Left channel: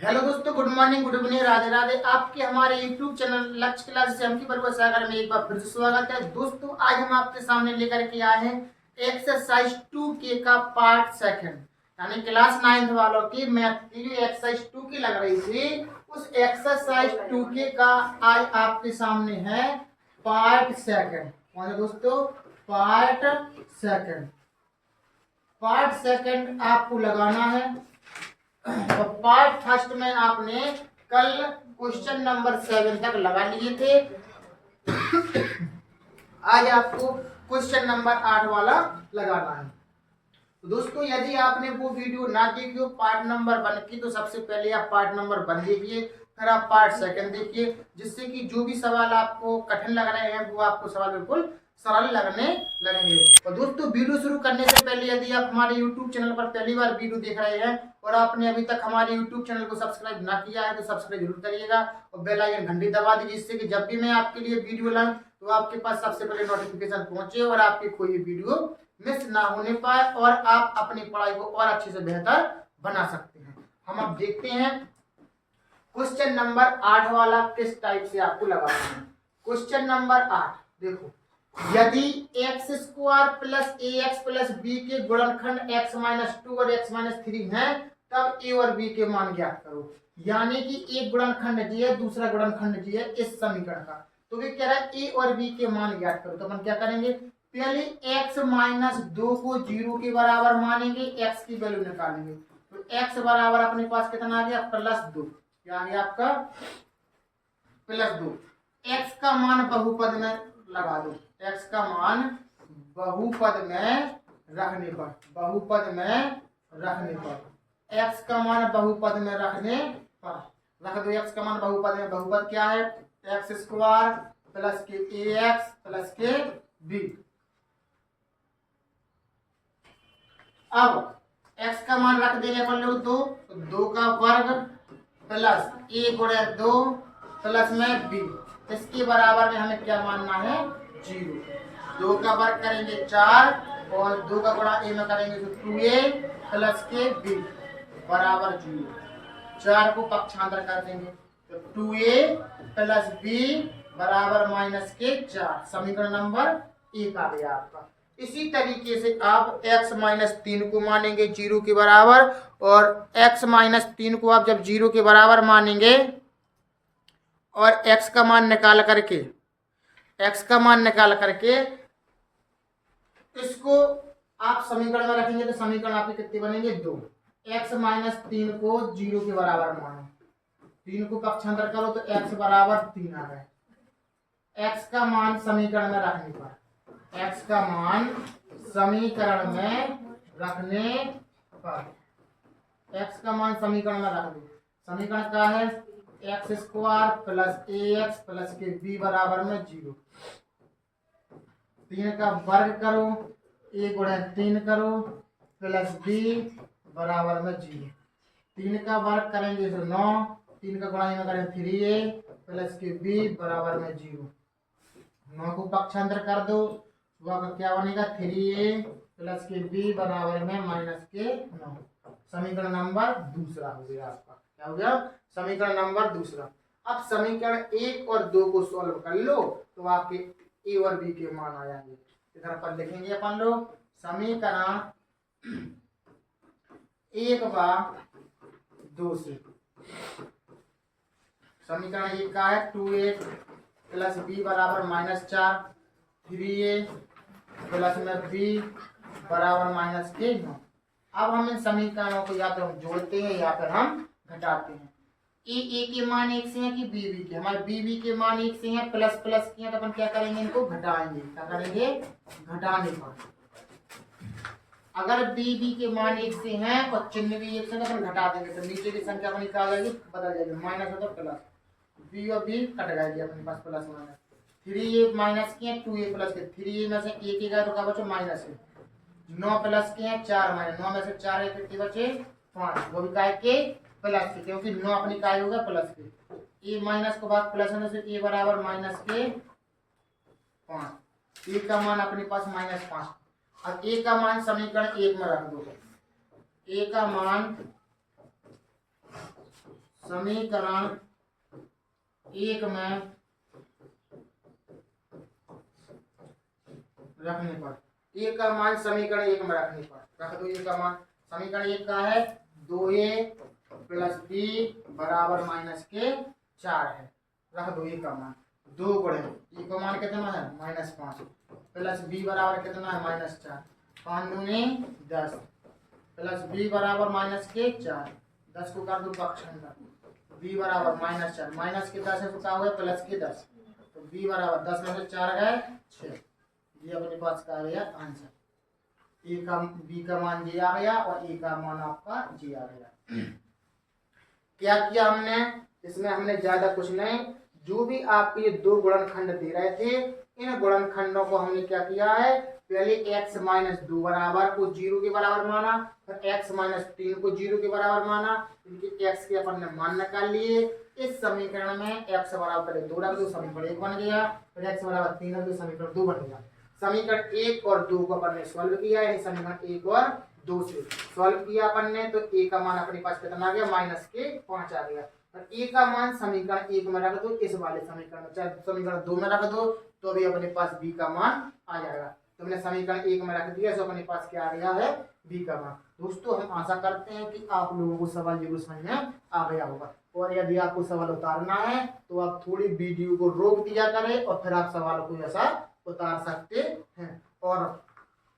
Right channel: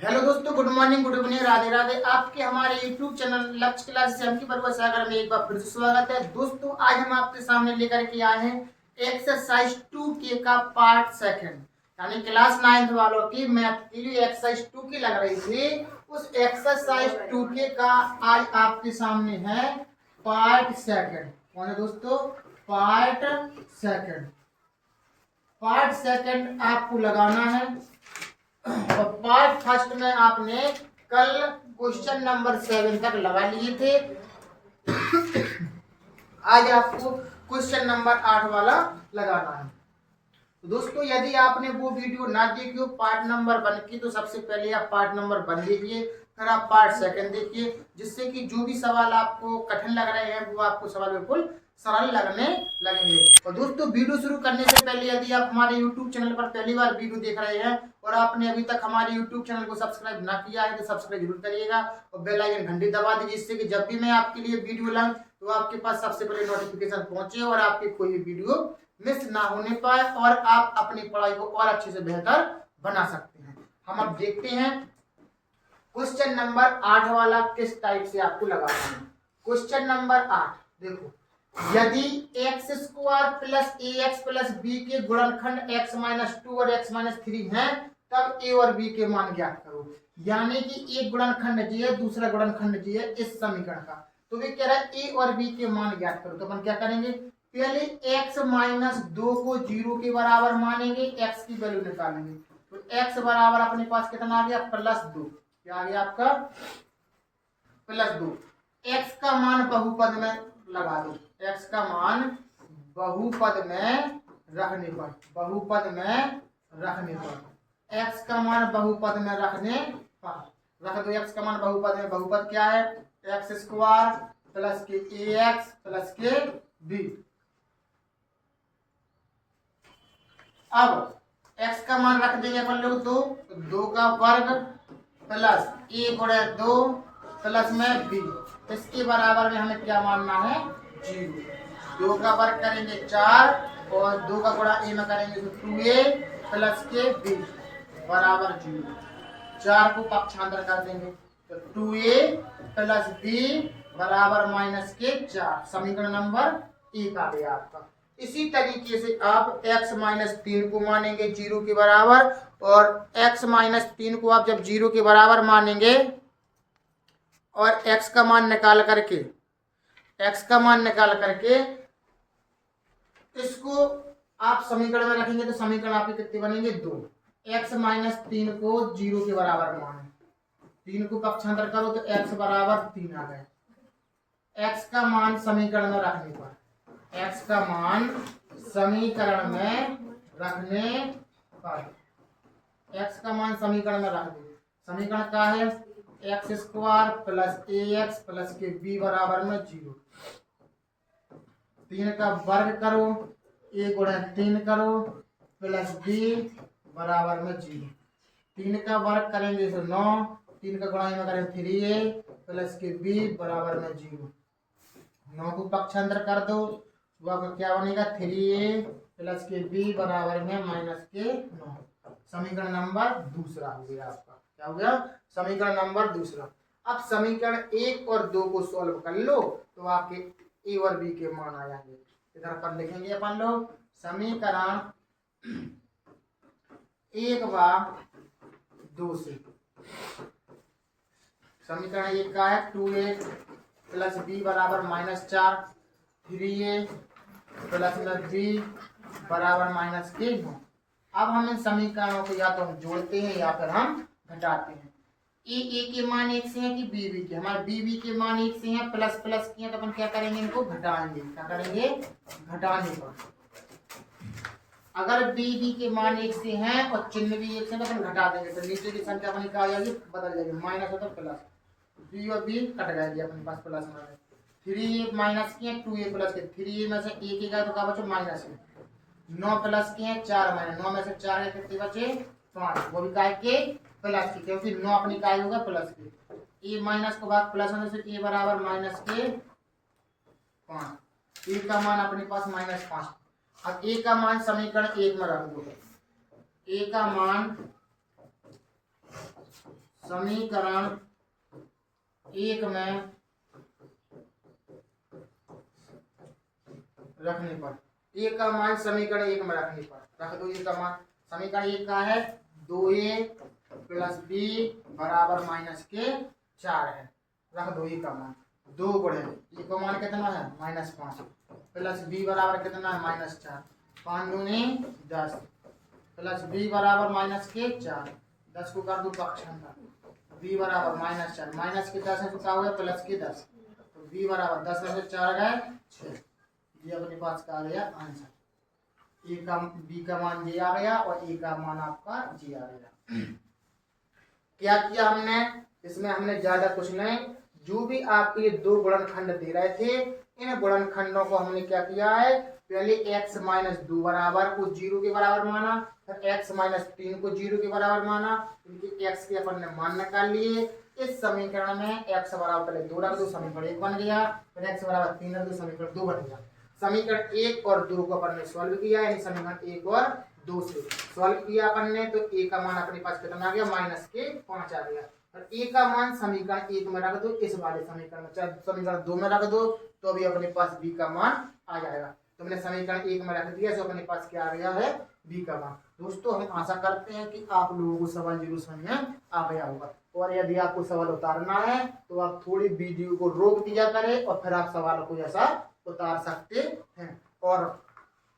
Hello दोस्तों, good morning, good evening, Radhe Radhe. आपके हमारे यूट्यूब चैनल लक्ष्य क्लासेस से हमकी बरुआ सागर में एक बार फिर से स्वागत है। दोस्तों, आज हम आपके सामने लेकर के आए हैं एक्सरसाइज 2K का पार्ट सेकंड, यानी क्लास 9 वालों की मैथ की जो एक्सरसाइज 2 की लग रही थी, उस एक्सरसाइज 2K का आज आपके सामने है पार्ट सेकंड। कौन है दोस्तों? Part second. पार्ट सेकंड आपको लगाना है और पार्ट फर्स्ट में आपने कल क्वेश्चन नंबर 7 तक लगा लिए थे। आज आपको क्वेश्चन नंबर 8 वाला लगाना है। तो दोस्तों, यदि आपने वो वीडियो ना देखी हो पार्ट नंबर 1 की, तो सबसे पहले आप पार्ट नंबर 1 देखिए, फिर आप पार्ट सेकंड देखिए, जिससे कि जो भी सवाल आपको कठिन लग रहे हैं वो आपको सवाल बिल्कुल सरल लगने लगेंगे। और दोस्तों, वीडियो शुरू करने से पहले यदि आप हमारे YouTube चैनल पर पहली बार वीडियो देख रहे हैं और आपने अभी तक हमारे YouTube चैनल को सब्सक्राइब ना किया है तो सब्सक्राइब जरूर करिएगा और बेल आइकन घंटी दबा दीजिए, जिससे कि जब भी मैं आपके लिए वीडियो लाऊं तो आपके पास सबसे पहले नोटिफिकेशन पहुंचे और आपकी कोई वीडियो मिस ना होने पाए और आप अपनी पढ़ाई को और अच्छे से बेहतर बना सकते हैं। हम अब देखते हैं क्वेश्चन नंबर 8 वाला किस टाइप से आपको लगाना है। क्वेश्चन नंबर 8 देखो, यदि एक्स स्क्वायर प्लस ए एक्स प्लस बी के गुणनखंड एक्स माइनस 2 और एक्स माइनस 3 है, तब ए और बी के मान ज्ञात करो। यानी कि एक गुणनखंड जी है, दूसरा गुणनखंड जी है इस समीकरण का, तो वे कह रहा है ए और बी के मान ज्ञात करो। तो अपन क्या करेंगे, पहले x माइनस 2 को 0 के बराबर मानेंगे, x की वैल्यू निकालेंगे। तो x बराबर अपने पास कितना आ गया, +2। क्या आ गया आपका, +2। x का मान बहुपद में लगा दो, x का मान बहुपद में रखने पर, बहुपद में रखने पर, x का मान बहुपद में रखने पर रख दो। x का मान बहुपद में, बहुपद क्या है, एक्स स्क्वायर प्लस के ए एक्स प्लस के बी। अब x का मान रख देंगे अपन लोग 2, तो 2 का वर्ग प्लस a गुणे 2 प्लस में b, इसके बराबर में हमें क्या मानना है, 0। 2 का वर्ग करेंगे 4 और 2 का गुणा a में करेंगे तो 2a प्लस के b बराबर 0। 4 को पक्षांतर कर देंगे तो 2a प्लस b बराबर माइनस के 4। समीकरण नंबर 1 आ गया आपका। इसी तरीके से आप x माइनस 3 को मानेंगे 0 के बराबर, और x माइनस 3 को आप जब 0 के बराबर मानेंगे और x का मान निकाल करके, x का मान निकाल करके इसको आप समीकरण में रखेंगे तो समीकरण आपके कितने बनेंगे, 2। x माइनस 3 को 0 के बराबर माने, 3 को पक्षांतर करो तो x बराबर 3 आ गए। x का मान समीकरण में रखने पर, x का मान समीकरण में रखने पर, x का मान समीकरण में रख दो। समीकरण क्या है, एक्स स्क्वायर प्लस ए एक्स प्लस के बी बराबर में 0। 3 का वर्ग करो, a गुणे 3 करो प्लस b बराबर में 0। 3 का वर्ग करेंगे तो 9, 3 का गुणा में करेंगे 3a प्लस के b बराबर में 0। 9 को पक्षांतर कर दो तो आपका क्या बनेगा, 3a प्लस के b बराबर में माइनस के 9। समीकरण नंबर दूसरा हो गया आपका। क्या हो गया, समीकरण नंबर दूसरा। अब समीकरण 1 और 2 को सॉल्व कर लो तो आपके ए और बी के मान आ जाएंगे। इधर पर लिखेंगे अपन लोग समीकरण 1 व 2 से। समीकरण 1 का है 2a प्लस b बराबर -4, 3a प्लस में b बराबर माइनस के 9। अब हम इन समीकरणों को या तो हम जोड़ते हैं या फिर हम घटाते हैं। ए के मान 1 से है कि बी के, हमारे बी के मान 1 से हैं, प्लस प्लस के हैं तो अपन क्या करेंगे, इनको घटाएंगे। क्या करेंगे, घटाने पर। अगर बी के मान 1 से हैं और चिन्ह भी 1 से तो अपन घटा देंगे तो नीचे की संख्या अपनी क्या आ जाएगी, बदल जाएगी, माइनस होता प्लस, बी और बी कट जाएगी अपने पास, प्लस माइनस। 3a माइनस के 2a प्लस के, 3a में से 1 गया तो क्या बचे, माइनस है। 9 प्लस के हैं 4 माइनस, 9 में से 4 कितने बचे, 5, वो भी काय के प्लस के, क्योंकि 9 अपनी काय होगा प्लस के। ए माइनस को भाग प्लस होने से ए बराबर माइनस के 5। ए का मान अपने पास -5। अब ए का मान समीकरण 1 में रख दो। ए का मान समीकरण 1 में रखने पर, ए का मान समीकरण 1 में रखने पर रख दो। ए का मान समीकरण 1 का है 2a प्लस बी बराबर माइनस के 4 है। रख दो ए का मान 2 गुणे ए का मान कितना है -5 प्लस बी बराबर कितना है -4, 5 दूनी 10 प्लस बी बराबर माइनस के 4, 10 को कर दो पक्षांतर, बी बराबर -4 माइनस के 10 है तो क्या हुआ प्लस के 10, तो बी बराबर 10 में से 4 गए 6। ये अपने पास का आ गया आंसर। ए का बी का मान जी आ गया और ए का मान आपका जी आ गया। क्या किया हमने इसमें, हमने ज्यादा कुछ नहीं, जो भी आपके ये 2 गुणनखंड दे रहे थे इन गुणनखंडों को हमने क्या किया है, पहले x - 2 बराबर को 0 के बराबर माना, फिर x - 3 को 0 के बराबर माना, इनके x के अपन ने मान निकाल लिए। इस समीकरण में x बराबर पहले 2 रख दो, समीकरण 1 बन गया, फिर x बराबर 3 रख दो, समीकरण 2 बन गया। समीकरण 1 और 2 को अपन ने सॉल्व किया, यानी समीकरण 1 और 2 से सॉल्व किया अपन ने, तो a का मान अपने पास कितना आ गया -5 आ गया। और a का मान समीकरण 1 में रख दो, इस वाले समीकरण में, चाहे समीकरण 2 में रख दो तो भी अपने पास b का मान आ जाएगा। तो हमने समीकरण 1 में रख दिया, तो अपने पास क्या आ गया है b का मान। दोस्तों हम आशा करते हैं कि आप लोगों को सवाल जरूर समझ में आ गया होगा, और यदि आपको सवाल उतारना है तो आप थोड़ी वीडियो को रोक दिया करें और फिर आप सवाल को ऐसा उतार सकते हैं। और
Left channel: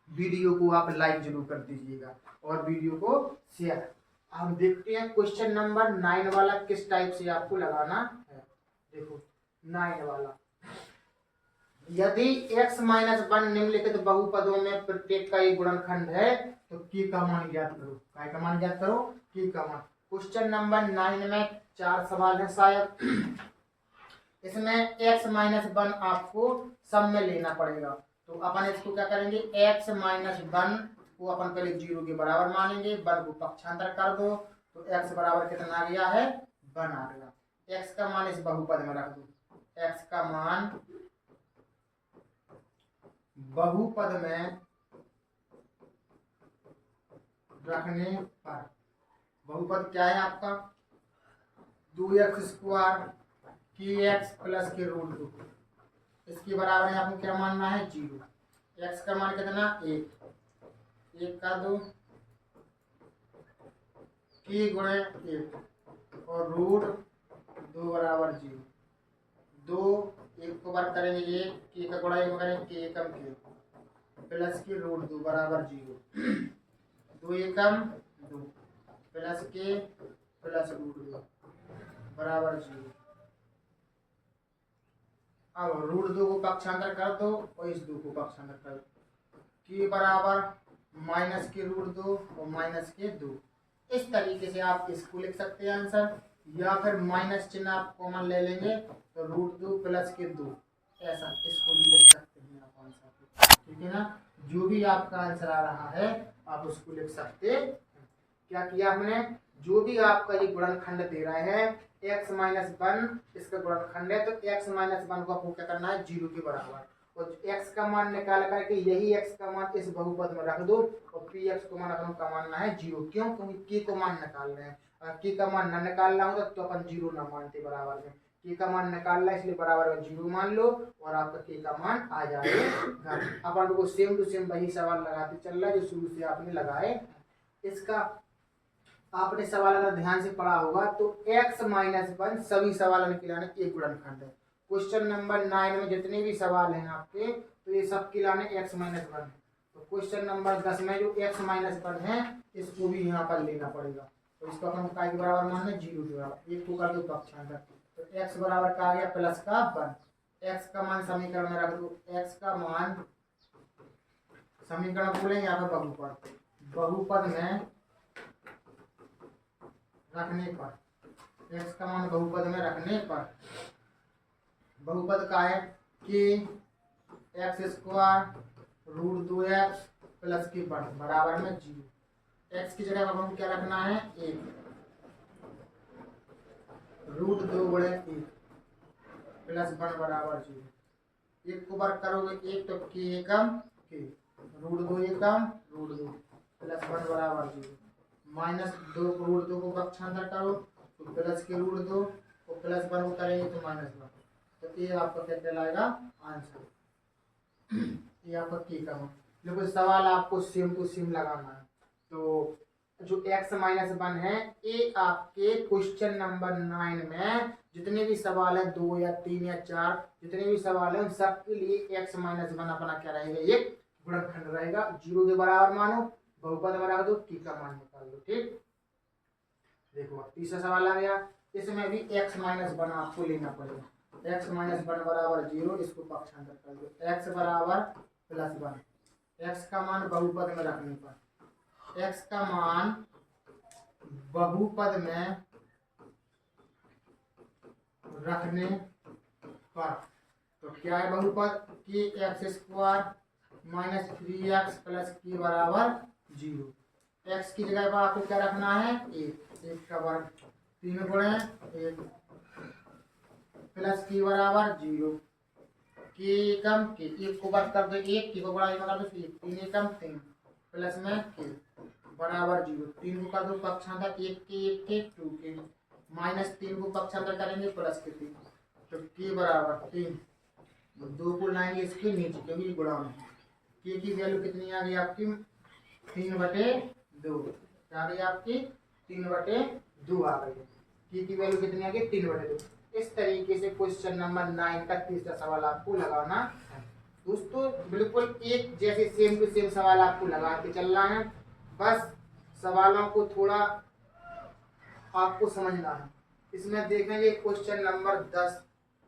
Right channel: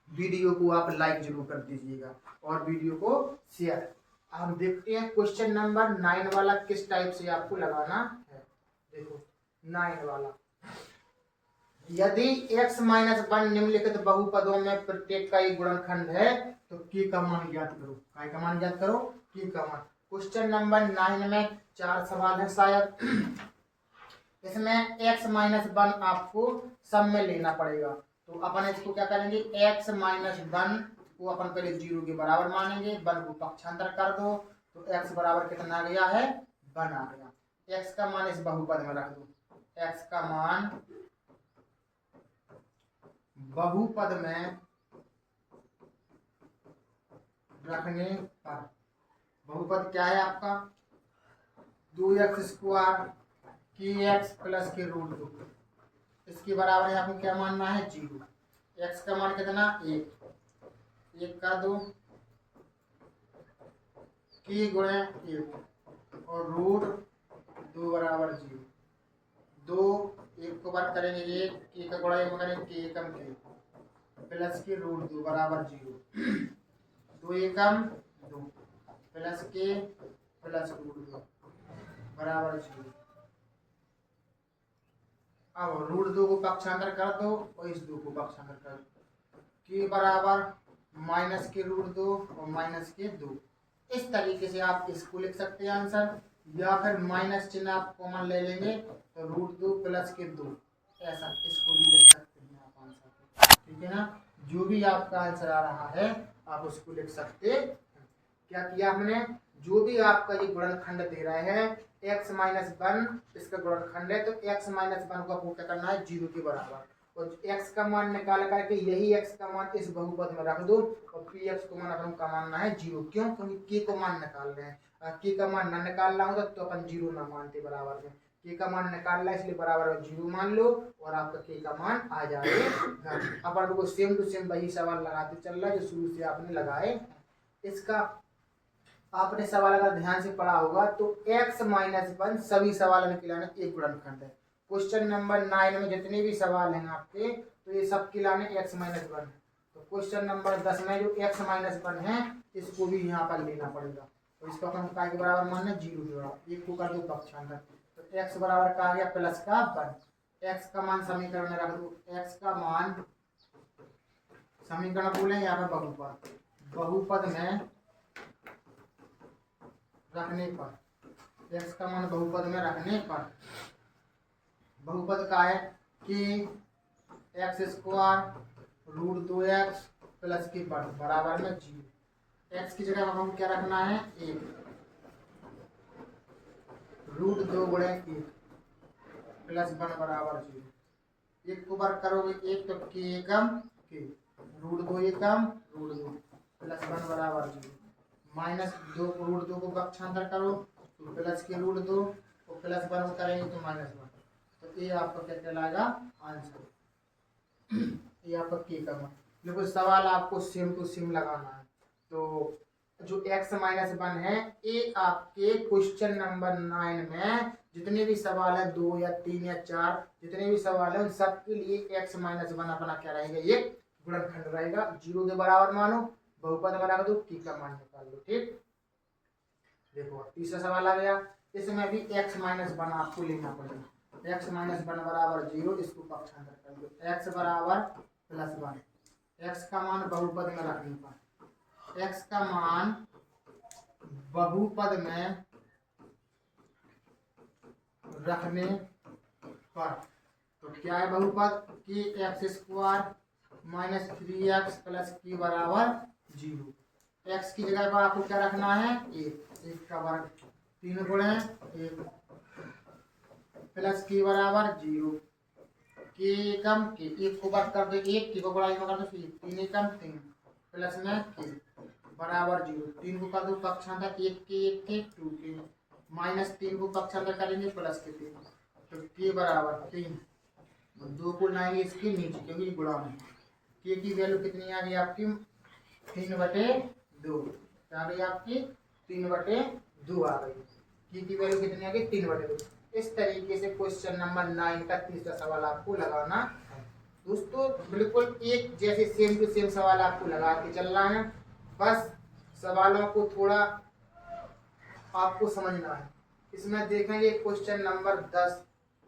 वीडियो को आप लाइक जरूर कर दीजिएगा और वीडियो को शेयर। हम देखते हैं क्वेश्चन नंबर 9 वाला किस टाइप से आपको लगाना है। देखो 9 वाला, यदि x - 1 निम्नलिखित बहुपदों में प्रत्येक का एक गुणनखंड है तो k का मान ज्ञात करो। काय का मान ज्ञात करो, k का मान। क्वेश्चन नंबर 9 में 4 सवाल है शायद, इसमें x - 1 आपको सब में लेना पड़ेगा। तो अपन इसको क्या करेंगे, x - 1 को अपन पहले 0 के बराबर मानेंगे, 1 को पक्षांतर कर दो तो x बराबर कितना आ गया है 1 आ गया। x का मान इस बहुपद में रख दो, x का मान बहुपद में रखने पर, बहुपद क्या है आपका 2x² kx प्लस के रूट 2, इसके बराबर है आपको क्या मानना है 0। x का मान कितना 1 का 2 k गुणे 1 और रूट 2 बराबर 0। 2 1 को बार करेंगे 1, k का गुणा 1 करेंगे k एकम k प्लस के रूट 2 बराबर 0। 2 एकम 2 प्लस के प्लस रूट 2 बराबर 0। अब रूट 2 को पक्षांतर कर दो और इस 2 को पक्षांतर कर दो, k बराबर माइनस के रूट 2 और माइनस के 2। इस तरीके से आप इसको लिख सकते हैं आंसर, या फिर माइनस चिन्ह आप कॉमन ले लेंगे तो रूट 2 प्लस के 2, ऐसा इसको भी लिख सकते हैं आप आंसर। ठीक है ना, जो भी आपका आंसर आ रहा है आप उसको लिख सकते हैं। क्या किया हमने, जो भी आपका ये गुणनखंड दे रहे हैं x - 1 इसका गुणनखंड है, तो x - 1 को आपको क्या करना है 0 के बराबर, और x का मान निकाल करके यही x का मान इस बहुपद में रख दो और px को मान अपन का मानना है 0। क्यों, क्योंकि k को मान निकाल रहे हैं, अगर k का मान न निकालना होता तो अपन 0 ना मानते बराबर में, k का मान निकालना इसलिए बराबर में 0 मान लो और आपका k का मान आ जाएगा। अपन लोग सेम टू सेम वही सवाल लगाते चल रहा है जो शुरू से आपने लगाए। इसका आपने सवाल अगर ध्यान से पढ़ा होगा तो x - 1 सभी सवाल में किलाने एक गुणनखंड है। क्वेश्चन नंबर 9 में जितने भी सवाल हैं आपके तो ये सब किलाने x - 1 है। तो क्वेश्चन नंबर 10 में जो x - 1 है इसको भी यहाँ पर लेना पड़ेगा, तो इसको अपन काय के बराबर मानना है 0 के बराबर, 1 को कर दो पक्षांतर, तो x बराबर का आ गया प्लस का 1। x का मान समीकरण में रख दो, x का मान समीकरण बोलेंगे यहाँ पर बहुपद, बहुपद में रखने पर, x का मान बहुपद में रखने पर, बहुपद का है कि x² रूट 2x प्लस के बराबर में 0। x की जगह हम क्या रखना है 1, रूट 2 गुणे 1 प्लस 1 बराबर 0। 1 को बार करोगे 1 तो k एकम k, रूट 2 एकम रूट 2 प्लस 1 बराबर 0। -2 रूट 2 को पक्षांतर करो तो प्लस के रूट 2 और प्लस 1 को करेंगे तो -1, तो ये आपका क्या कहलाएगा आंसर। ये आपका के का मान। देखो सवाल आपको सेम टू सेम लगाना है। तो जो x-1 है ये आपके क्वेश्चन नंबर 9 में जितने भी सवाल है 2 या 3 या 4 जितने भी सवाल है उन सब के लिए x-1 अपना क्या रहेगा, एक गुणनखंड रहेगा। 0 के बराबर मानो, बहुपद बना दो, की का मान निकाल दो। ठीक, देखो तीसरा सवाल आ गया, इसमें भी x-1 आपको लेना पड़ेगा। x-1 बराबर 0, इसको पक्षांतर कर दो, x बराबर +1। x का मान बहुपद में रखने पर, x का मान बहुपद में रखने पर, तो क्या है बहुपद कि x² - 3x + की बराबर 0। x की जगह पर आपको क्या रखना है, 1 का वर्ग, 3 गुणे 1 प्लस की बराबर 0, के कम के 1 को वर्ग कर दो, 1 की को बड़ा कर दो, 3 एकम 3 प्लस में के बराबर 0। 3 को कर दो पक्षांतर, 1 के 2 के, -3 को पक्षांतर करेंगे प्लस के 3, तो के बराबर 3। 2 को लाएंगे इसके नीचे क्योंकि गुणा में, के की वैल्यू कितनी आ गई आपकी 3/2, क्या आ गई आपकी 3/2 आ गई। के की वैल्यू कितनी आ गई 3/2। इस तरीके से क्वेश्चन नंबर 9 का तीसरा सवाल आपको लगाना है। दोस्तों बिल्कुल एक जैसे सेम टू सेम सवाल आपको लगा के चलना है, बस सवालों को थोड़ा आपको समझना है। इसमें देखेंगे क्वेश्चन नंबर 10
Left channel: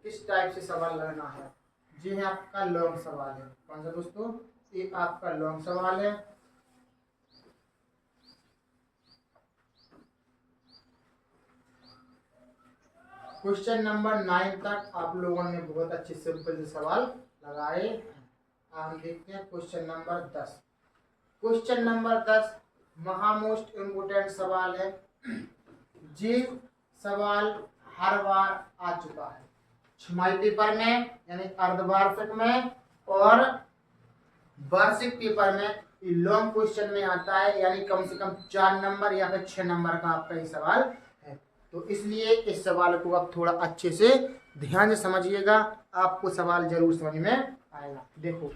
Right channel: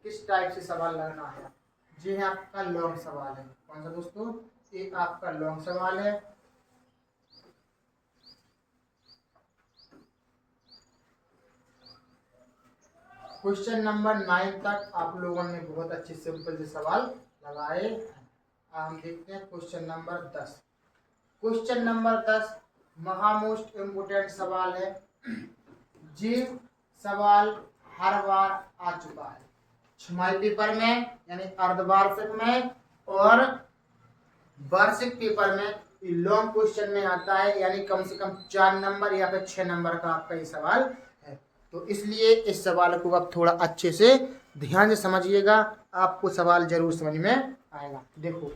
किस टाइप से सवाल लगना है। जी है आपका लॉन्ग सवाल है। कौन सा दोस्तों, ये आपका लॉन्ग सवाल है। क्वेश्चन नंबर 9 तक आप लोगों ने बहुत अच्छे सिंपल से सवाल लगाए हैं। हम देखते हैं क्वेश्चन नंबर 10। क्वेश्चन नंबर 10 महामोस्ट इम्पोर्टेंट सवाल है। ये सवाल हर बार आ चुका है छमाही पेपर में यानी अर्धवार्षिक में और वार्षिक पेपर में। लॉन्ग क्वेश्चन में आता है यानी कम से कम 4 नंबर या फिर 6 नंबर का आपका ये सवाल है। तो इसलिए इस सवाल को आप थोड़ा अच्छे से ध्यान से समझिएगा, आपको सवाल जरूर समझ में आएगा। देखो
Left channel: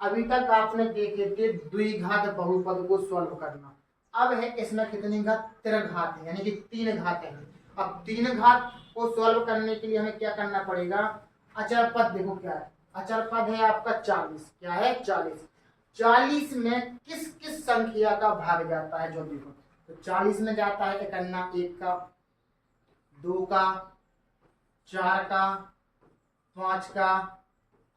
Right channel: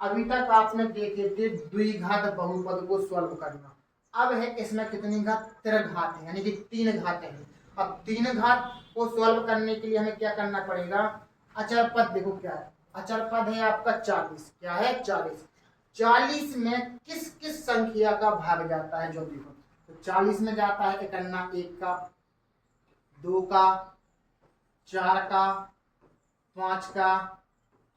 अभी तक आपने देखे थे द्विघात बहुपद को सॉल्व करना। अब है इसमें कितनी घात, त्रिघात है यानी कि 3 घात है। अब 3 घात को सॉल्व करने के लिए हमें क्या करना पड़ेगा, अचर पद। देखो क्या है, अचर पद है आपका 40। क्या है 40। 40 में किस किस संख्या का भाग जाता है जो देखो, तो 40 में जाता है 1 का, 2 का, 4 का, 5 का,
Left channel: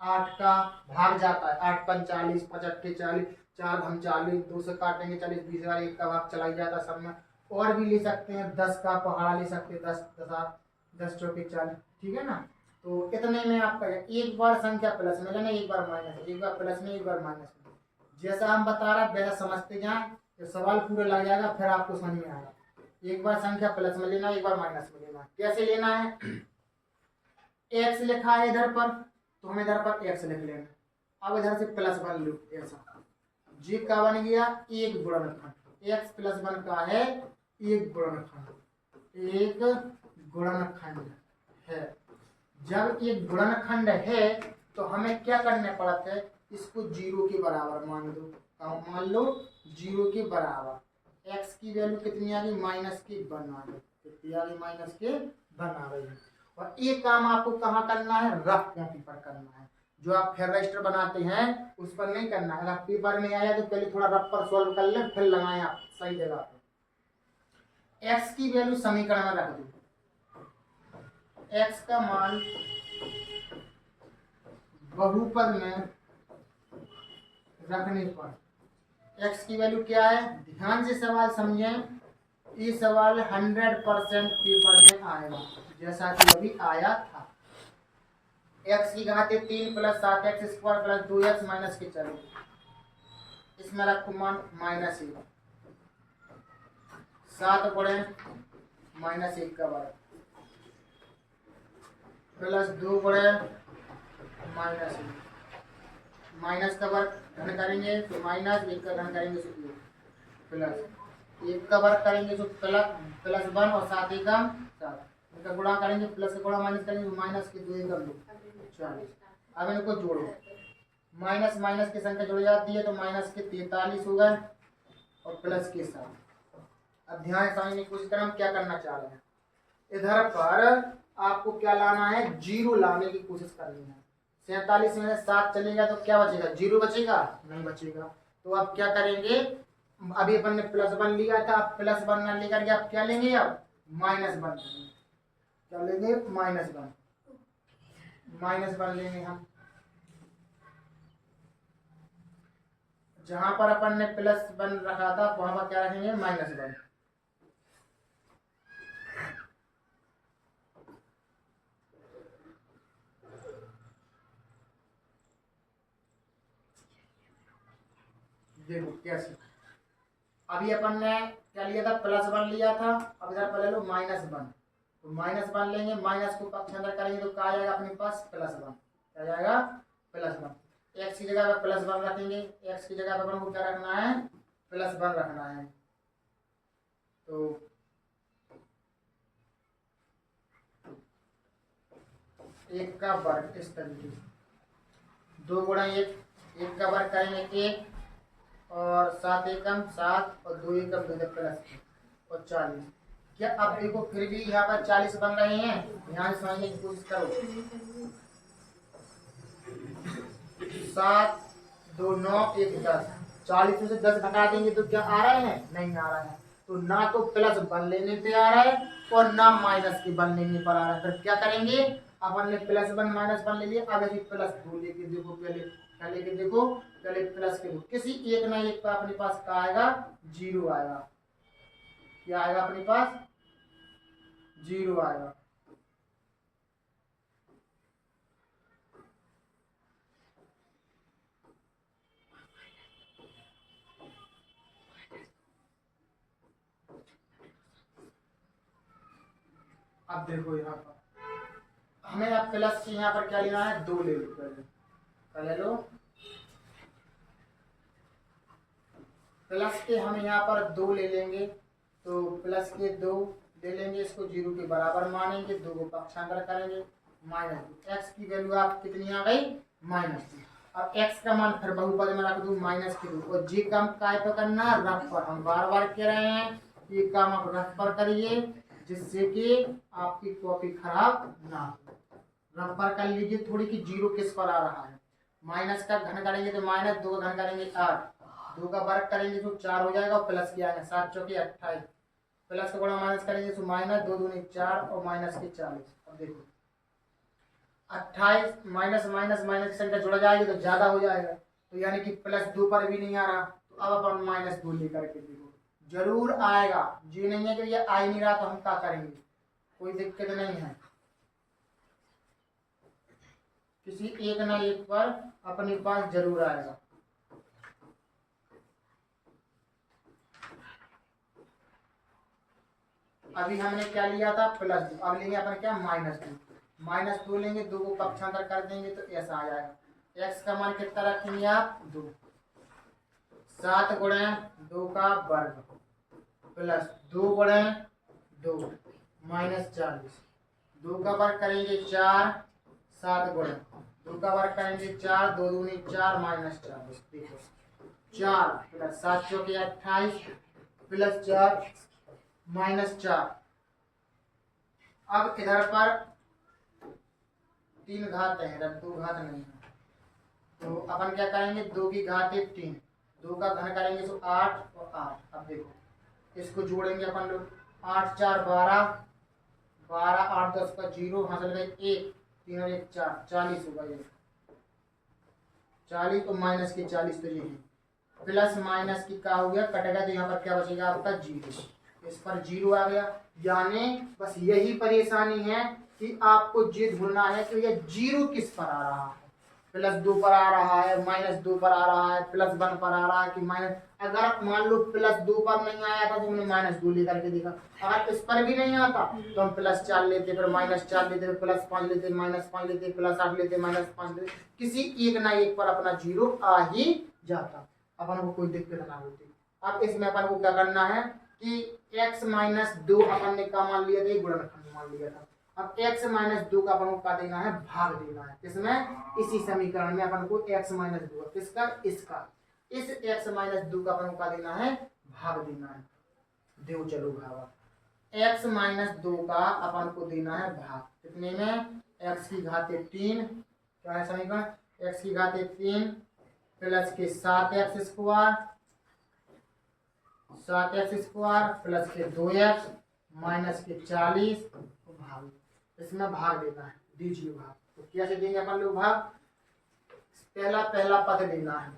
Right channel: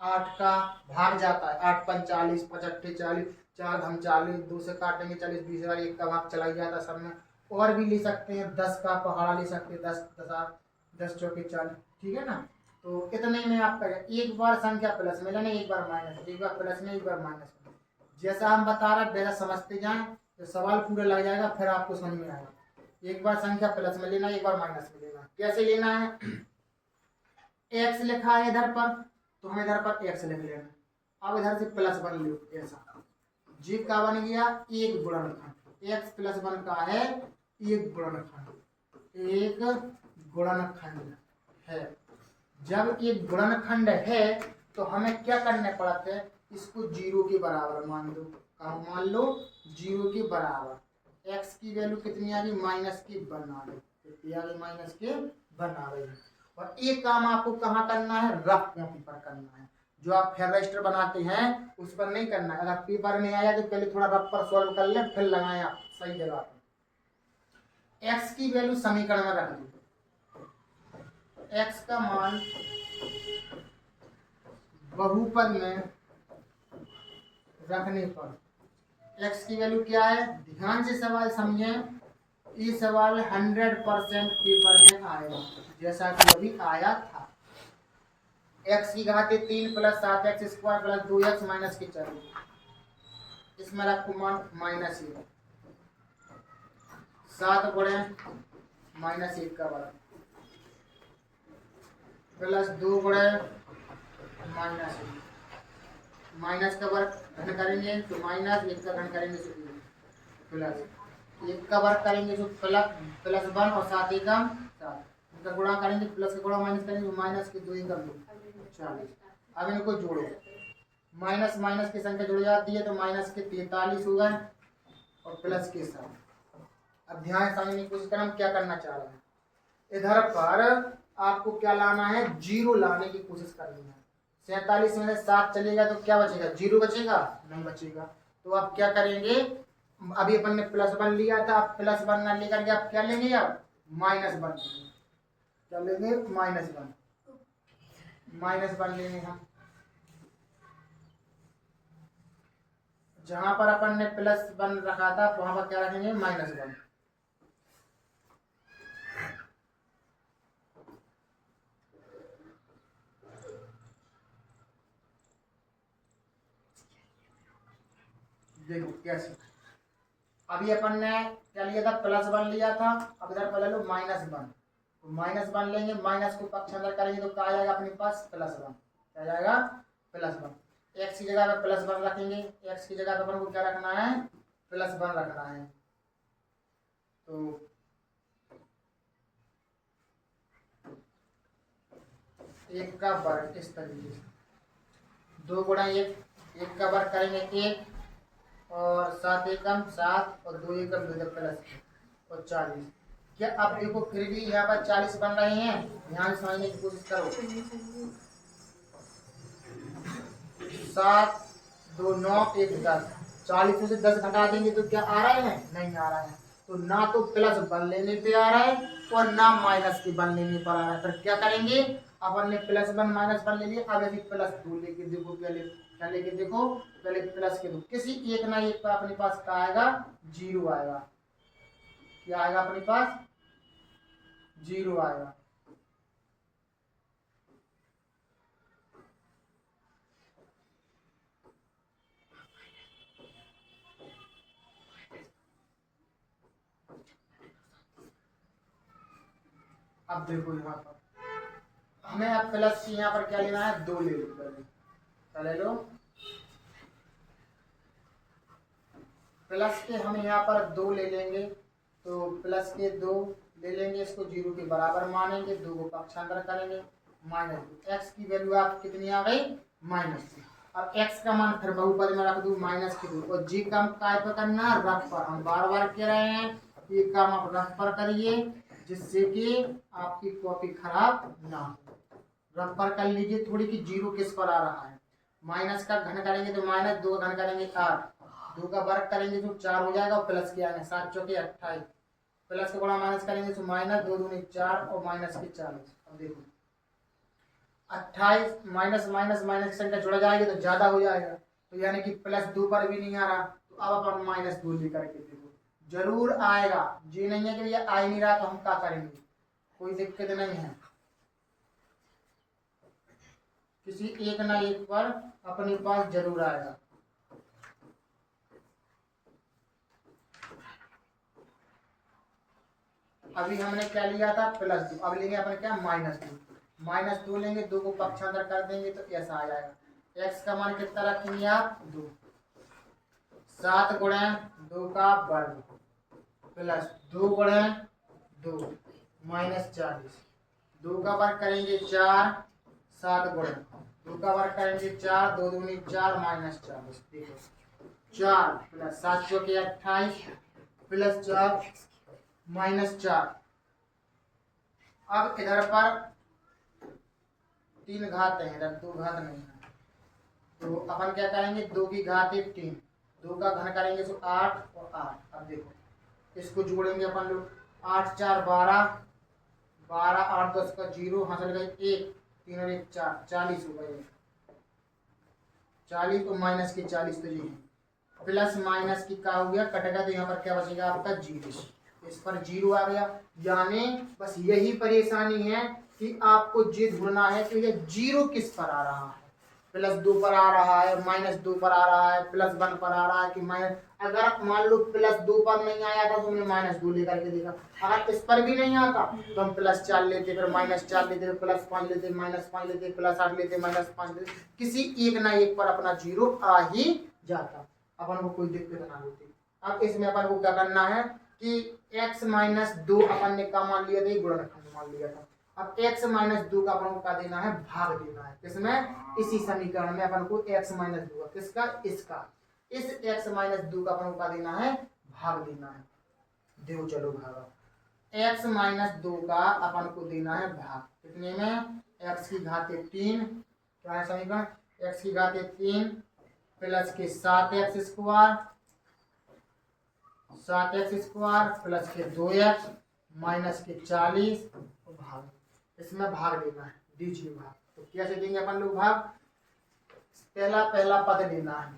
8 का भाग जाता है। 8 × 40, 5 × 8 40, 4 × 40, 2 से काटेंगे 40, 20,000, 1 का भाग चला ही जाता है सब में। और भी ले सकते हैं, 10 का पहाड़ा ले सकते हैं, 10 10 चौके 40, ठीक है ना। तो इतने में आपका एक बार संख्या प्लस में लेना, एक बार माइनस, एक बार प्लस में एक बार माइनस में। जैसा हम बता रहे हैं वैसा समझते जाएं तो सवाल पूरा लग जाएगा, फिर आपको समझ में आएगा। एक बार संख्या प्लस में लेना, एक बार माइनस में लेना। कैसे लेना है, x लिखा है इधर पर तो हम इधर पर x लिख लेना। अब इधर से +1 लो, ऐसा जी का बन गया एक गुणनखंड। x + 1 का है एक गुणनखंड, एक गुणनखंड है। जब एक गुणनखंड है तो हमें क्या करने पड़ते हैं, इसको 0 के बराबर मान दो। मान लो 0 के बराबर। x की वैल्यू कितनी आ गई, -1 आ गई। कितनी आ गई, -1 आ गई। और ये काम आपको कहाँ करना है, रफ कॉपी पर करना है। जो आप फेयर रजिस्टर बनाते हैं उस पर नहीं करना है। अगर पेपर में आया तो पहले थोड़ा रफ पर सॉल्व कर ले, फिर लगाएं आप सही जगह पर। x की वैल्यू समीकरण में रख दो। x का मान बहुपद में रखने पर x की वैल्यू क्या है, ध्यान से सवाल समझें। ये सवाल 100% पेपर में आएगा जैसा कि अभी आया था। x की घात 3 + 7x² + 2x - 40। इसमें रखो मान -1, 7 गुणे -1 का वर्ग प्लस 2 गुणे -1, माइनस का वर्ग घन करेंगे तो -1 का घन करेंगे तो 1 प्लस एक का वर्ग करेंगे तो प्लस 1 और 7 एकम 7, इनका गुणा करेंगे, प्लस का गुणा माइनस करेंगे, माइनस के 2 एकम 2 40। अब इनको जोड़ो, माइनस माइनस की संख्या जुड़ जाती है तो माइनस के 43 हो गए और प्लस के 7। अब ध्यान समझने की कोशिश करें हम क्या करना चाह रहे हैं। इधर पर आपको क्या लाना है, जीरो लाने की कोशिश करनी है। 47 में से 7 चलेगा तो क्या बचेगा, जीरो बचेगा, नहीं बचेगा। तो आप क्या करेंगे, अभी अपन ने +1 लिया था, आप +1 ना लेकर के आप क्या लेंगे, आप -1 लेंगे। क्या लेंगे, -1 लेंगे हम। जहां पर अपन ने +1 रखा था वहां पर क्या रखेंगे, -1। देखो कैसे, अभी अपन ने क्या लिया था, +1 लिया था, अब इधर पर ले लो -1, तो -1 लेंगे, माइनस को पक्षांतर करेंगे तो क्या आ जाएगा अपने पास, +1। क्या जाएगा, +1। एक्स की जगह पर +1 रखेंगे, एक्स की जगह पर अपन को क्या रखना है, +1 रखना है। तो एक का वर्ग इस तरीके से, 2 गुणा 1, एक का वर्ग करेंगे 1 और 7 एकम 7 और 2 एकम 2 प्लस और 40। क्या अब देखो फिर भी यहाँ पर 40 बन रहे हैं, यहाँ से समझने की कोशिश करो। 7 2 9 1 10, 40 में से 10 घटा देंगे तो क्या आ रहा है, नहीं आ रहा है। तो ना तो +1 लेने पे आ रहा है और ना -1 लेने पर आ रहा है। फिर क्या करेंगे, अपन ने +1 -1 ले लिया, अब यदि +2 लेके देखो, पहले क्या लेके देखो, पहले प्लस के दो, किसी एक ना एक पर अपने पास क्या आएगा, जीरो आएगा। क्या आएगा अपने पास, जीरो आएगा। अब देखो यहाँ पर हमें अब प्लस की यहाँ पर क्या लेना है, 2 ले लो, पहले क्या ले लो, प्लस के हम यहाँ पर 2 ले लेंगे, तो प्लस के 2 ले लेंगे, इसको 0 के बराबर मानेंगे, 2 को पक्षांतर करेंगे, माइनस एक्स की वैल्यू आप कितनी आ गई, -2। अब x का मान फिर बहुपद में रख दू, -2, और जी काम काय पर करना, रफ पर। हम बार बार कह रहे हैं ये काम आप रफ पर करिए, जिससे कि आपकी कॉपी खराब ना हो। रफ पर कर लीजिए थोड़ी कि 0 किस पर आ रहा है। माइनस का घन करेंगे तो -2 का घन करेंगे 8, 2 का वर्ग करेंगे तो 4 हो जाएगा, और प्लस के आएंगे 7 चौके 28, प्लस का बड़ा माइनस करेंगे तो -2 दूनी 4 और माइनस के 40। अब देखो 28 माइनस माइनस माइनस की संख्या जुड़ जाएगी तो ज्यादा हो जाएगा, तो यानी कि +2 पर भी नहीं आ रहा, तो अब अपन -2 लेकर के देखो, जरूर आएगा। ये नहीं है कि ये आ ही नहीं रहा तो हम क्या करेंगे, कोई दिक्कत नहीं है, किसी एक ना एक पर अपने पास जरूर आएगा। अभी हमने क्या लिया था, +2, अब लेंगे अपन क्या, -2 लेंगे, 2 को पक्षांतर कर देंगे तो ऐसा आ जाएगा। x का मान कितना रखेंगे आप, 2, 7 गुणे 2 का वर्ग प्लस 2 गुणे 2 -40, 2 का वर्ग करेंगे 4, 7 गुणे 2 का वर्ग करेंगे 4, 2 दूनी 4 -40। देखो 4 प्लस 7 चौके 28 प्लस 4 -4। अब इधर पर 3 घात है, इधर 2 घात नहीं है, तो अपन क्या करेंगे, 2 की घात 3, 2 का घन करेंगे तो 8 और 8। अब देखो इसको जोड़ेंगे अपन लोग, 8 4 12, 12 8 10 का 0, हासिल गई 1, 3 और 1 4, 40 होगा ये, 40 और माइनस के 40, तो ये है प्लस माइनस की क्या हो गया, कटेगा तो यहाँ पर क्या बचेगा आपका 0, इस पर 0 आ गया। यानी बस यही परेशानी है कि आपको ये ढूंढना है कि ये 0 किस पर आ रहा है, +2 पर आ रहा है, -2 पर आ रहा है, +1 पर आ रहा है कि माइनस। अगर मान लो +2 पर नहीं आया था तो हमने -2 लेकर के देखा, अगर इस पर भी नहीं आता तो हम +4 लेते, फिर -4 लेते, फिर +5 लेते, -5 लेते, +8 लेते, -5 लेते, किसी एक ना एक पर अपना 0 आ ही जाता, अपन को कोई दिक्कत ना होती। अब इसमें अपन को क्या करना है, कि x माइनस 2 अपन ने क्या मान लिया था, ये गुणनखंड मान लिया था। अब x माइनस 2 का अपन को क्या देना है, भाग देना है। किसमें, इसी समीकरण में अपन को x माइनस 2 किसका, इसका, इस x माइनस 2 का अपन को क्या देना है, भाग देना है। दो चलो भागा, x माइनस 2 का अपन को देना है भाग, कितने में, x की घाते 3, क्या है समीकरण, x की घाते 3 प्लस के 7x square, 7x square plus के 2x माइनस के 40 भाग, इसमें भाग देना है, दीजिए भाग। तो कैसे देंगे अपन लोग भाग, पहला पद लेना है,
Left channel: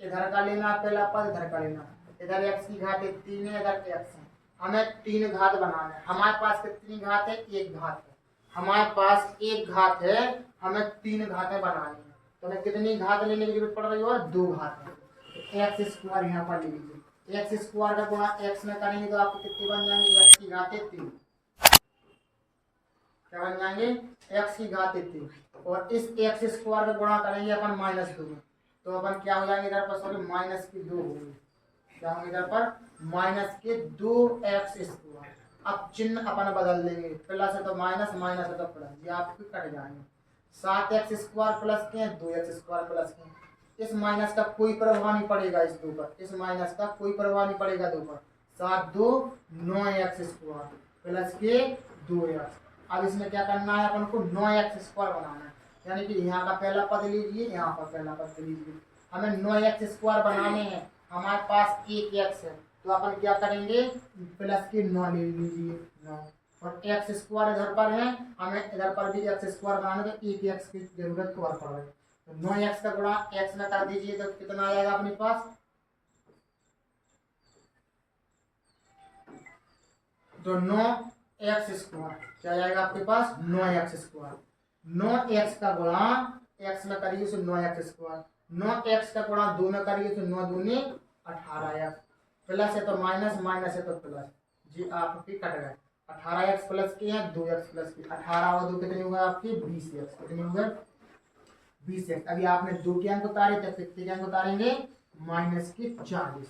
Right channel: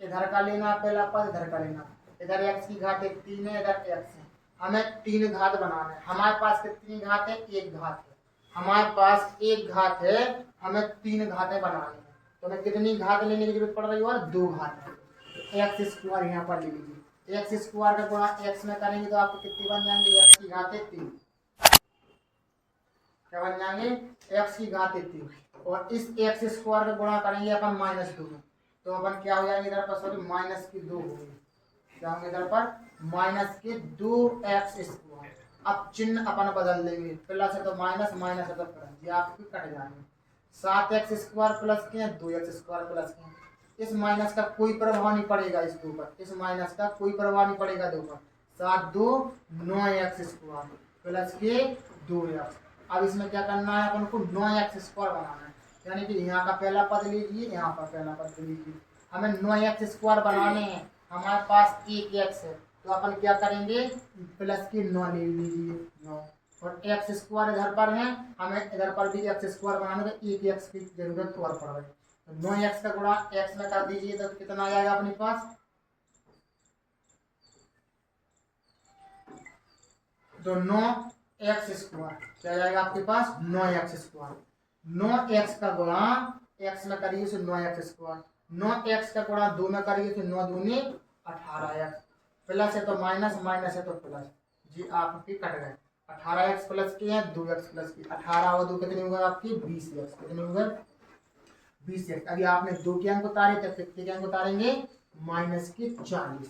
इधर का लेना है पहला पद, इधर का लेना है, इधर x की घात 3 है, इधर x है, हमें 3 घात बनाना है। हमारे पास कितनी घात है, एक घात है, हमारे पास एक घात है, हमें 3 घातें बनानी है। तो हमें कितनी घात लेने की जरूरत पड़ रही है, और 2 घात है। तो एक्स स्क्वायर यहाँ पर ले लीजिए, एक्स स्क्वायर का गुणा एक्स में करेंगे तो आपको कितनी बन जाएंगे, एक्स की घात 3, क्या बन जाएंगे, एक्स की घात 3, और इस एक्स स्क्वायर का गुणा करेंगे अपन माइनस 2 में, तो अपन क्या हो जाएंगे इधर पर, सॉरी माइनस की 2 होंगे, क्या होंगे इधर पर, माइनस के 2x स्क्वायर। अब चिन्ह अपन बदल देंगे, प्लस है तो माइनस, माइनस है तो प्लस, ये आपके कट जाएंगे। 7x स्क्वायर प्लस के 2x स्क्वायर प्लस के, इस माइनस का कोई प्रभाव नहीं पड़ेगा इस 2 पर, इस माइनस का कोई प्रभाव नहीं पड़ेगा 2 पर। 7 2 9x स्क्वायर प्लस के 2x। अब इसमें क्या करना है अपन को, 9x स्क्वायर बनाना है, यानी कि यहाँ का पहला पद लीजिए, यहाँ पर पहला पद लीजिए। हमें 9x स्क्वायर बनाने हैं, हमारे पास एक x है, तो अपन क्या करेंगे, प्लस के 9 ले लीजिए, 9, और x स्क्वायर इधर पर है, हमें इधर पर भी x स्क्वायर बनाने तो एक x की जरूरत और पड़ रही है। तो 9x का गुणा x में कर दीजिए तो कितना आ जाएगा अपने पास, तो 9x स्क्वायर, क्या जाएगा आपके पास, 9x स्क्वायर, 9x का गुणा x में करिए तो 9x स्क्वायर, 9x का गुणा 2 में करिए तो 9 दूनी 18x, प्लस है तो माइनस, माइनस है तो प्लस, जी आपकी कट गए। 18x प्लस के हैं, 2x प्लस की, 18 और 2 कितने होगा आपकी, 20x, कितने होगा, 20x। अभी आपने 2 के अंक उतारे तब कितने के अंक उतारेंगे, माइनस के 40।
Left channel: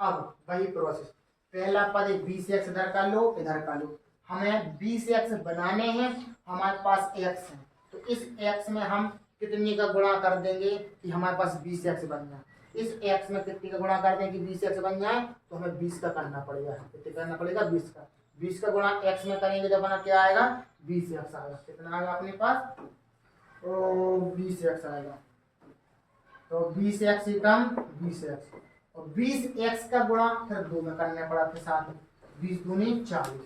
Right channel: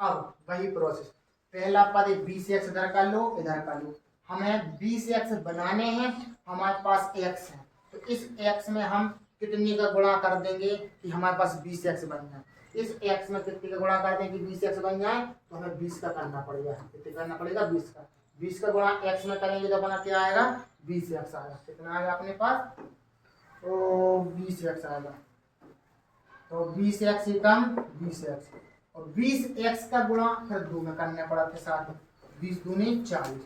अब वही प्रोसेस, पहला पद 20x इधर कर लो, इधर कर लो, हमें 20x बनाने हैं, हमारे पास x है, तो इस x में हम कितनी का गुणा कर देंगे कि हमारे पास 20x बन जाए। इस x में कितनी का गुणा कर दें कि 20x बन जाए, तो हमें 20 का करना पड़ेगा, कितने करना पड़ेगा, 20 का, 20 का गुणा x में करेंगे तो अपना क्या आएगा, 20x आएगा, कितना आएगा अपने पास, तो 20x आएगा, तो 20x ही कम 20x, और 20x का गुणा फिर 2 में करना पड़ा था साथ में, 20 दूनी 40,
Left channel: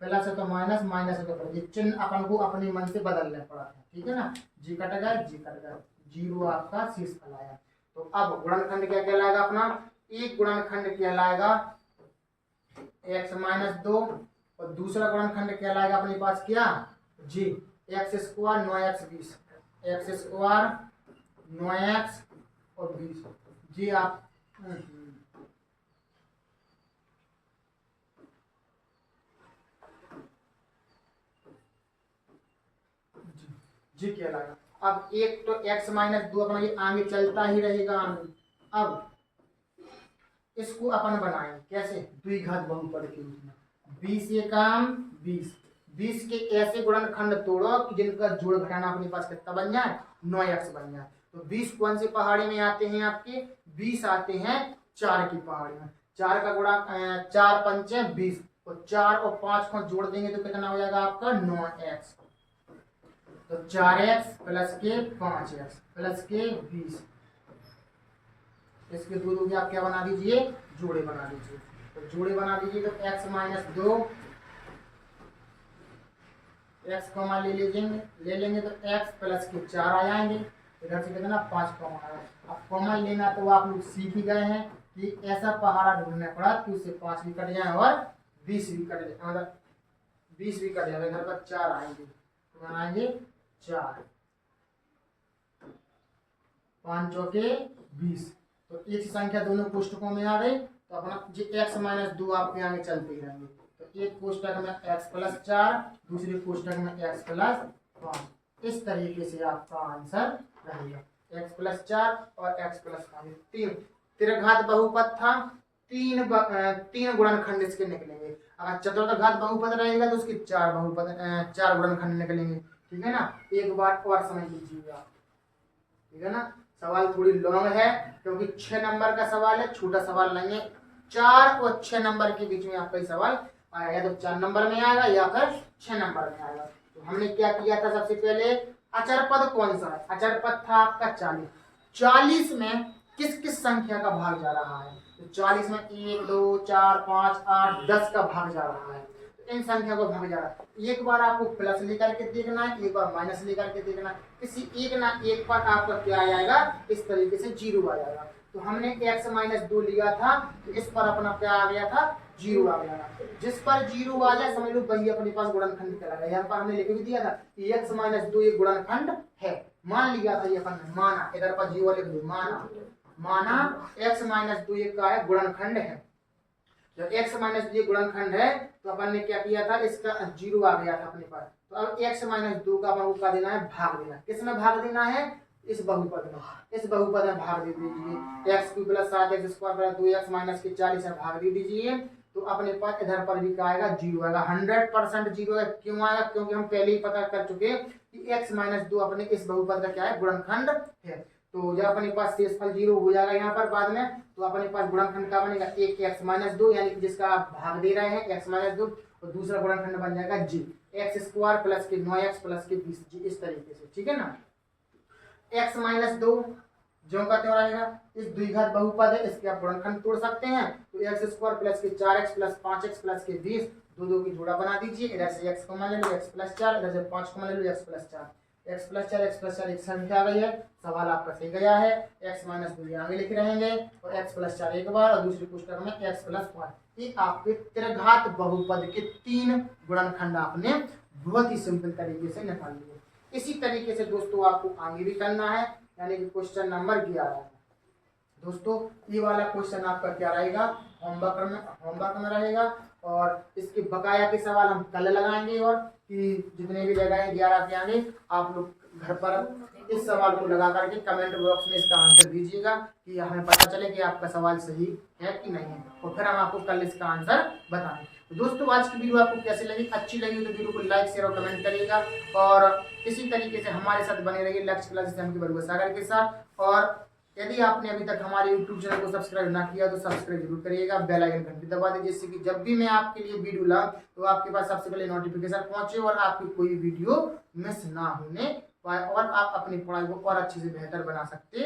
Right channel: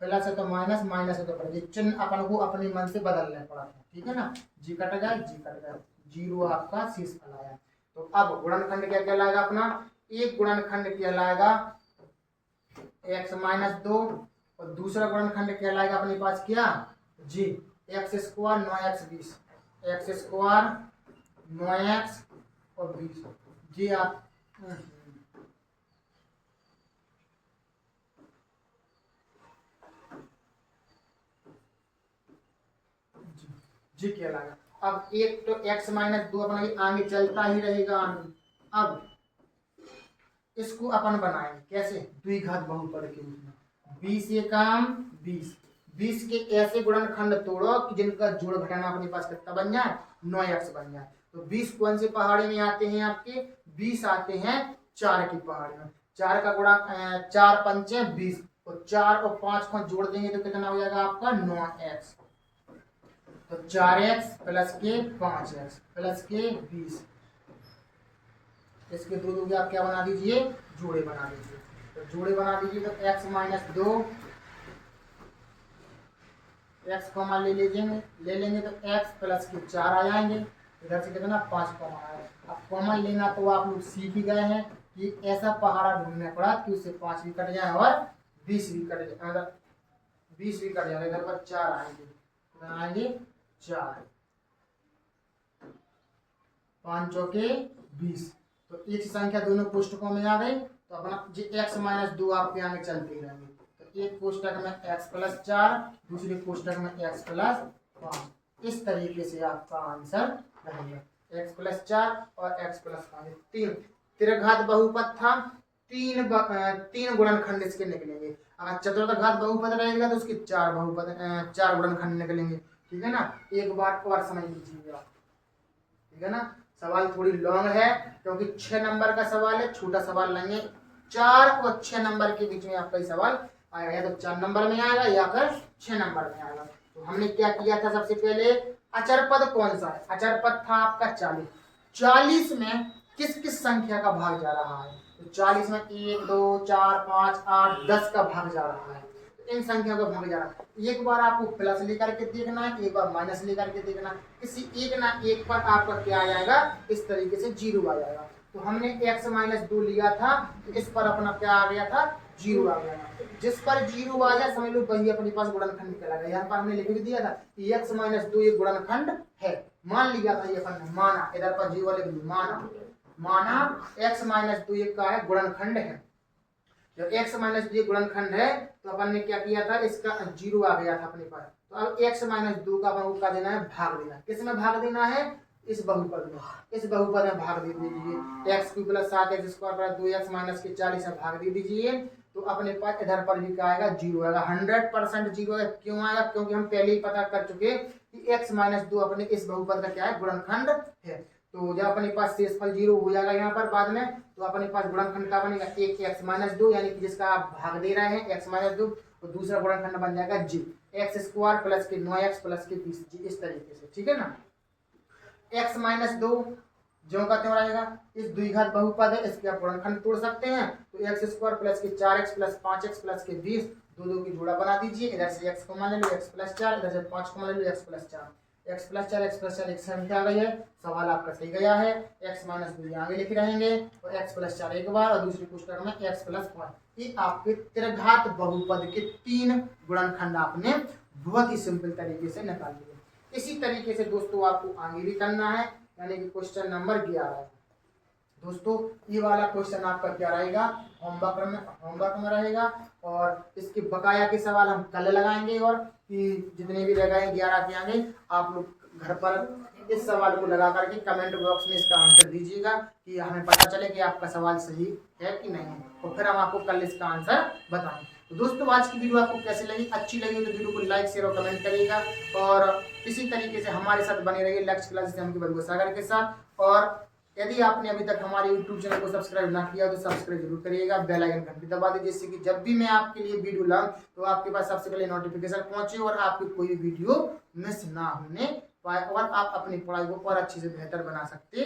प्लस है तो माइनस, माइनस है तो प्लस, चिन्ह अपन को अपने मन से बदलना पड़ा था, ठीक है ना, जी कट गया, जी कट गया, 0 आपका शेष फल आया। तो अब गुणनखंड क्या कहलाएगा अपना, एक गुणनखंड कहलाएगा x माइनस 2, और दूसरा गुणनखंड कहलाएगा अपने पास क्या, G X square 9x 20, X square 9x और 20, जी आप जी कहलाएगा। अब एक तो x माइनस 2 अपना ये आगे चलता ही रहेगा। अब इसको अपन बनाएंगे कैसे, द्विघात बहुपद के रूप में, 20 एकम 20, 20 के ऐसे गुणनखंड तोड़ो कि जिनका जोड़ घटाना अपने पास कितना बन जाए, 9x बन जाए। तो 20 कौन से पहाड़ी में आते हैं आपके, 20 आते हैं 4 की पहाड़ी में, 4 का गुणा 4 पंचे 20, और 4 और 5 को जोड़ देंगे तो कितना हो जाएगा आपका 9x, तो 4x प्लस के 5x प्लस के 20, इसके दो दो आप क्या बना दीजिए, जोड़े बना दीजिए। तो जोड़े बना दीजिए तो x माइनस 2, x कॉमा ले लेंगे तो x प्लस के 4 आ जाएंगे, इधर से कितना 5 कॉमा आया। अब कॉमन लेना तो आप लोग सीख ही गए हैं कि ऐसा पहाड़ा ढूंढना पड़ा कि उससे 5 भी कट जाए और 20 भी कट जाए, मतलब 20 भी कट जाए, इधर पर 4 आएंगे, कितना आएंगे 4, 5 चौके 20, तो एक संख्या दोनों पुस्तकों में आ गई, तो अपना जी x माइनस 2 आपके आगे चलते रहेंगे। तो एक पुस्तक में x प्लस 4, दूसरी पुस्तक में x प्लस 5, इस तरीके से आपका आंसर रहेगा, x प्लस 4 और x प्लस 5, तीन त्रिघात बहुपद था, तीन गुणनखंड इसके निकलेंगे। अगर चतुर्थ घात बहुपद रहेगा तो उसके चार गुणनखंड निकलेंगे। ठीक है ना, एक बार और समझ लीजिएगा। ठीक है ना, सवाल थोड़ी लॉन्ग है क्योंकि 6 नंबर का सवाल है, छोटा सवाल नहीं है। 4 और 6 नंबर के बीच में आपका सवाल आएगा, या तो 4 नंबर में आएगा या फिर 6 नंबर में आएगा। तो हमने क्या किया था, सबसे पहले अचर पद कौन सा है, अचर पद था आपका 40। 40 में किस किस संख्या का भाग जा रहा है, तो 40 में 1 2 4 5 8 10 का भाग जा रहा है। इन संख्या को भाग जा रहा है। एक बार आपको प्लस लेकर के देखना है, एक बार माइनस लेकर के देखना है। किसी एक ना एक पर आपका क्या आ जाएगा, इस तरीके से 0 आ जाएगा। तो हमने x - 2 लिया था, इस पर अपना क्या आ गया था, 0 आ गया था। जिस पर 0 आ जाए समझ लो वही अपने पास गुणनखंड कहलाएगा। यहाँ पर हमने लिख भी दिया था कि x - 2 एक गुणनखंड है, मान लिया था ये अपन ने, माना, इधर पर 0 लिख दिया, माना x - 2 एक का है गुणनखंड है। जब x - 2 गुणनखंड है तो अपन ने क्या किया था, इसका 0 आ गया था अपने पास। तो अब x - 2 का अपन को क्या देना है, भाग देना। किसमें भाग देना है, इस बहुपद में, इस बहुपद में भाग दे दीजिए। x क्यूब + 7x² + 2x - के 40 में भाग दे दीजिए। तो अपने पास इधर पर भी क्या आएगा, 0 आएगा। 100% 0 आएगा। क्यों आएगा, क्योंकि हम पहले ही पता कर चुके कि x - 2 अपने इस बहुपद का क्या है, गुणनखंड है। तो जब अपने पास शेषफल 0 हो जाएगा यहाँ पर बाद में, तो अपने पास गुणनखंड का बनेगा एक x - 2, यानी कि जिसका आप भाग दे रहे हैं x - 2, और दूसरा गुणनखंड बन जाएगा g, x² + के 9x + के 20 g, इस तरीके से। ठीक है ना, x - 2 जो का त्यों रहेगा, इस द्विघात बहुपद है, इसके आप गुणनखंड तोड़ सकते हैं। तो x² + के 4x + 5x + के 20, दो की जोड़ा बना दीजिए। इधर से x को मान ले लो, x + 4, इधर से 5 को मान ले लो, x + 4, x + 4 एक संख्या आ गई है। सवाल आपका सही गया है। x - 2 आगे लिखे रहेंगे, और x + 4 एक बार, और दूसरी पुस्तक में x + 5। ये आपके त्रिघात बहुपद के 3 गुणनखंड आपने बहुत ही सिंपल तरीके से निकाल लिए। इसी तरीके से दोस्तों आपको आगे भी करना है, यानी कि क्वेश्चन नंबर 11 है। दोस्तों ये वाला क्वेश्चन आपका क्या रहेगा, होमवर्क में रहेगा, और इसके बकाया के सवाल हम कल लगाएंगे। और कि जितने भी लगाए 11 के आगे, आप लोग घर पर इस सवाल को लगा करके कमेंट बॉक्स में इसका आंसर दीजिएगा, कि हमें पता चले कि आपका सवाल सही है कि नहीं है, और फिर हम आपको कल इसका आंसर बताएं। तो दोस्तों आज की वीडियो आपको कैसी लगी, अच्छी लगी तो वीडियो को लाइक शेयर और कमेंट करिएगा, और इसी तरीके से हमारे साथ बने रहिए लक्ष्य क्लासेस के बरुआ सागर के साथ। और यदि आपने अभी तक हमारे YouTube चैनल को सब्सक्राइब ना किया तो सब्सक्राइब जरूर करिएगा, बेल आइकन घंटी दबा दीजिए, जिससे कि जब भी मैं आपके लिए वीडियो लाऊं तो आपके पास सबसे पहले नोटिफिकेशन पहुंचे और आपकी कोई वीडियो मिस ना होने पाए, और आप अपनी पढ़ाई को और अच्छे से बेहतर बना सकते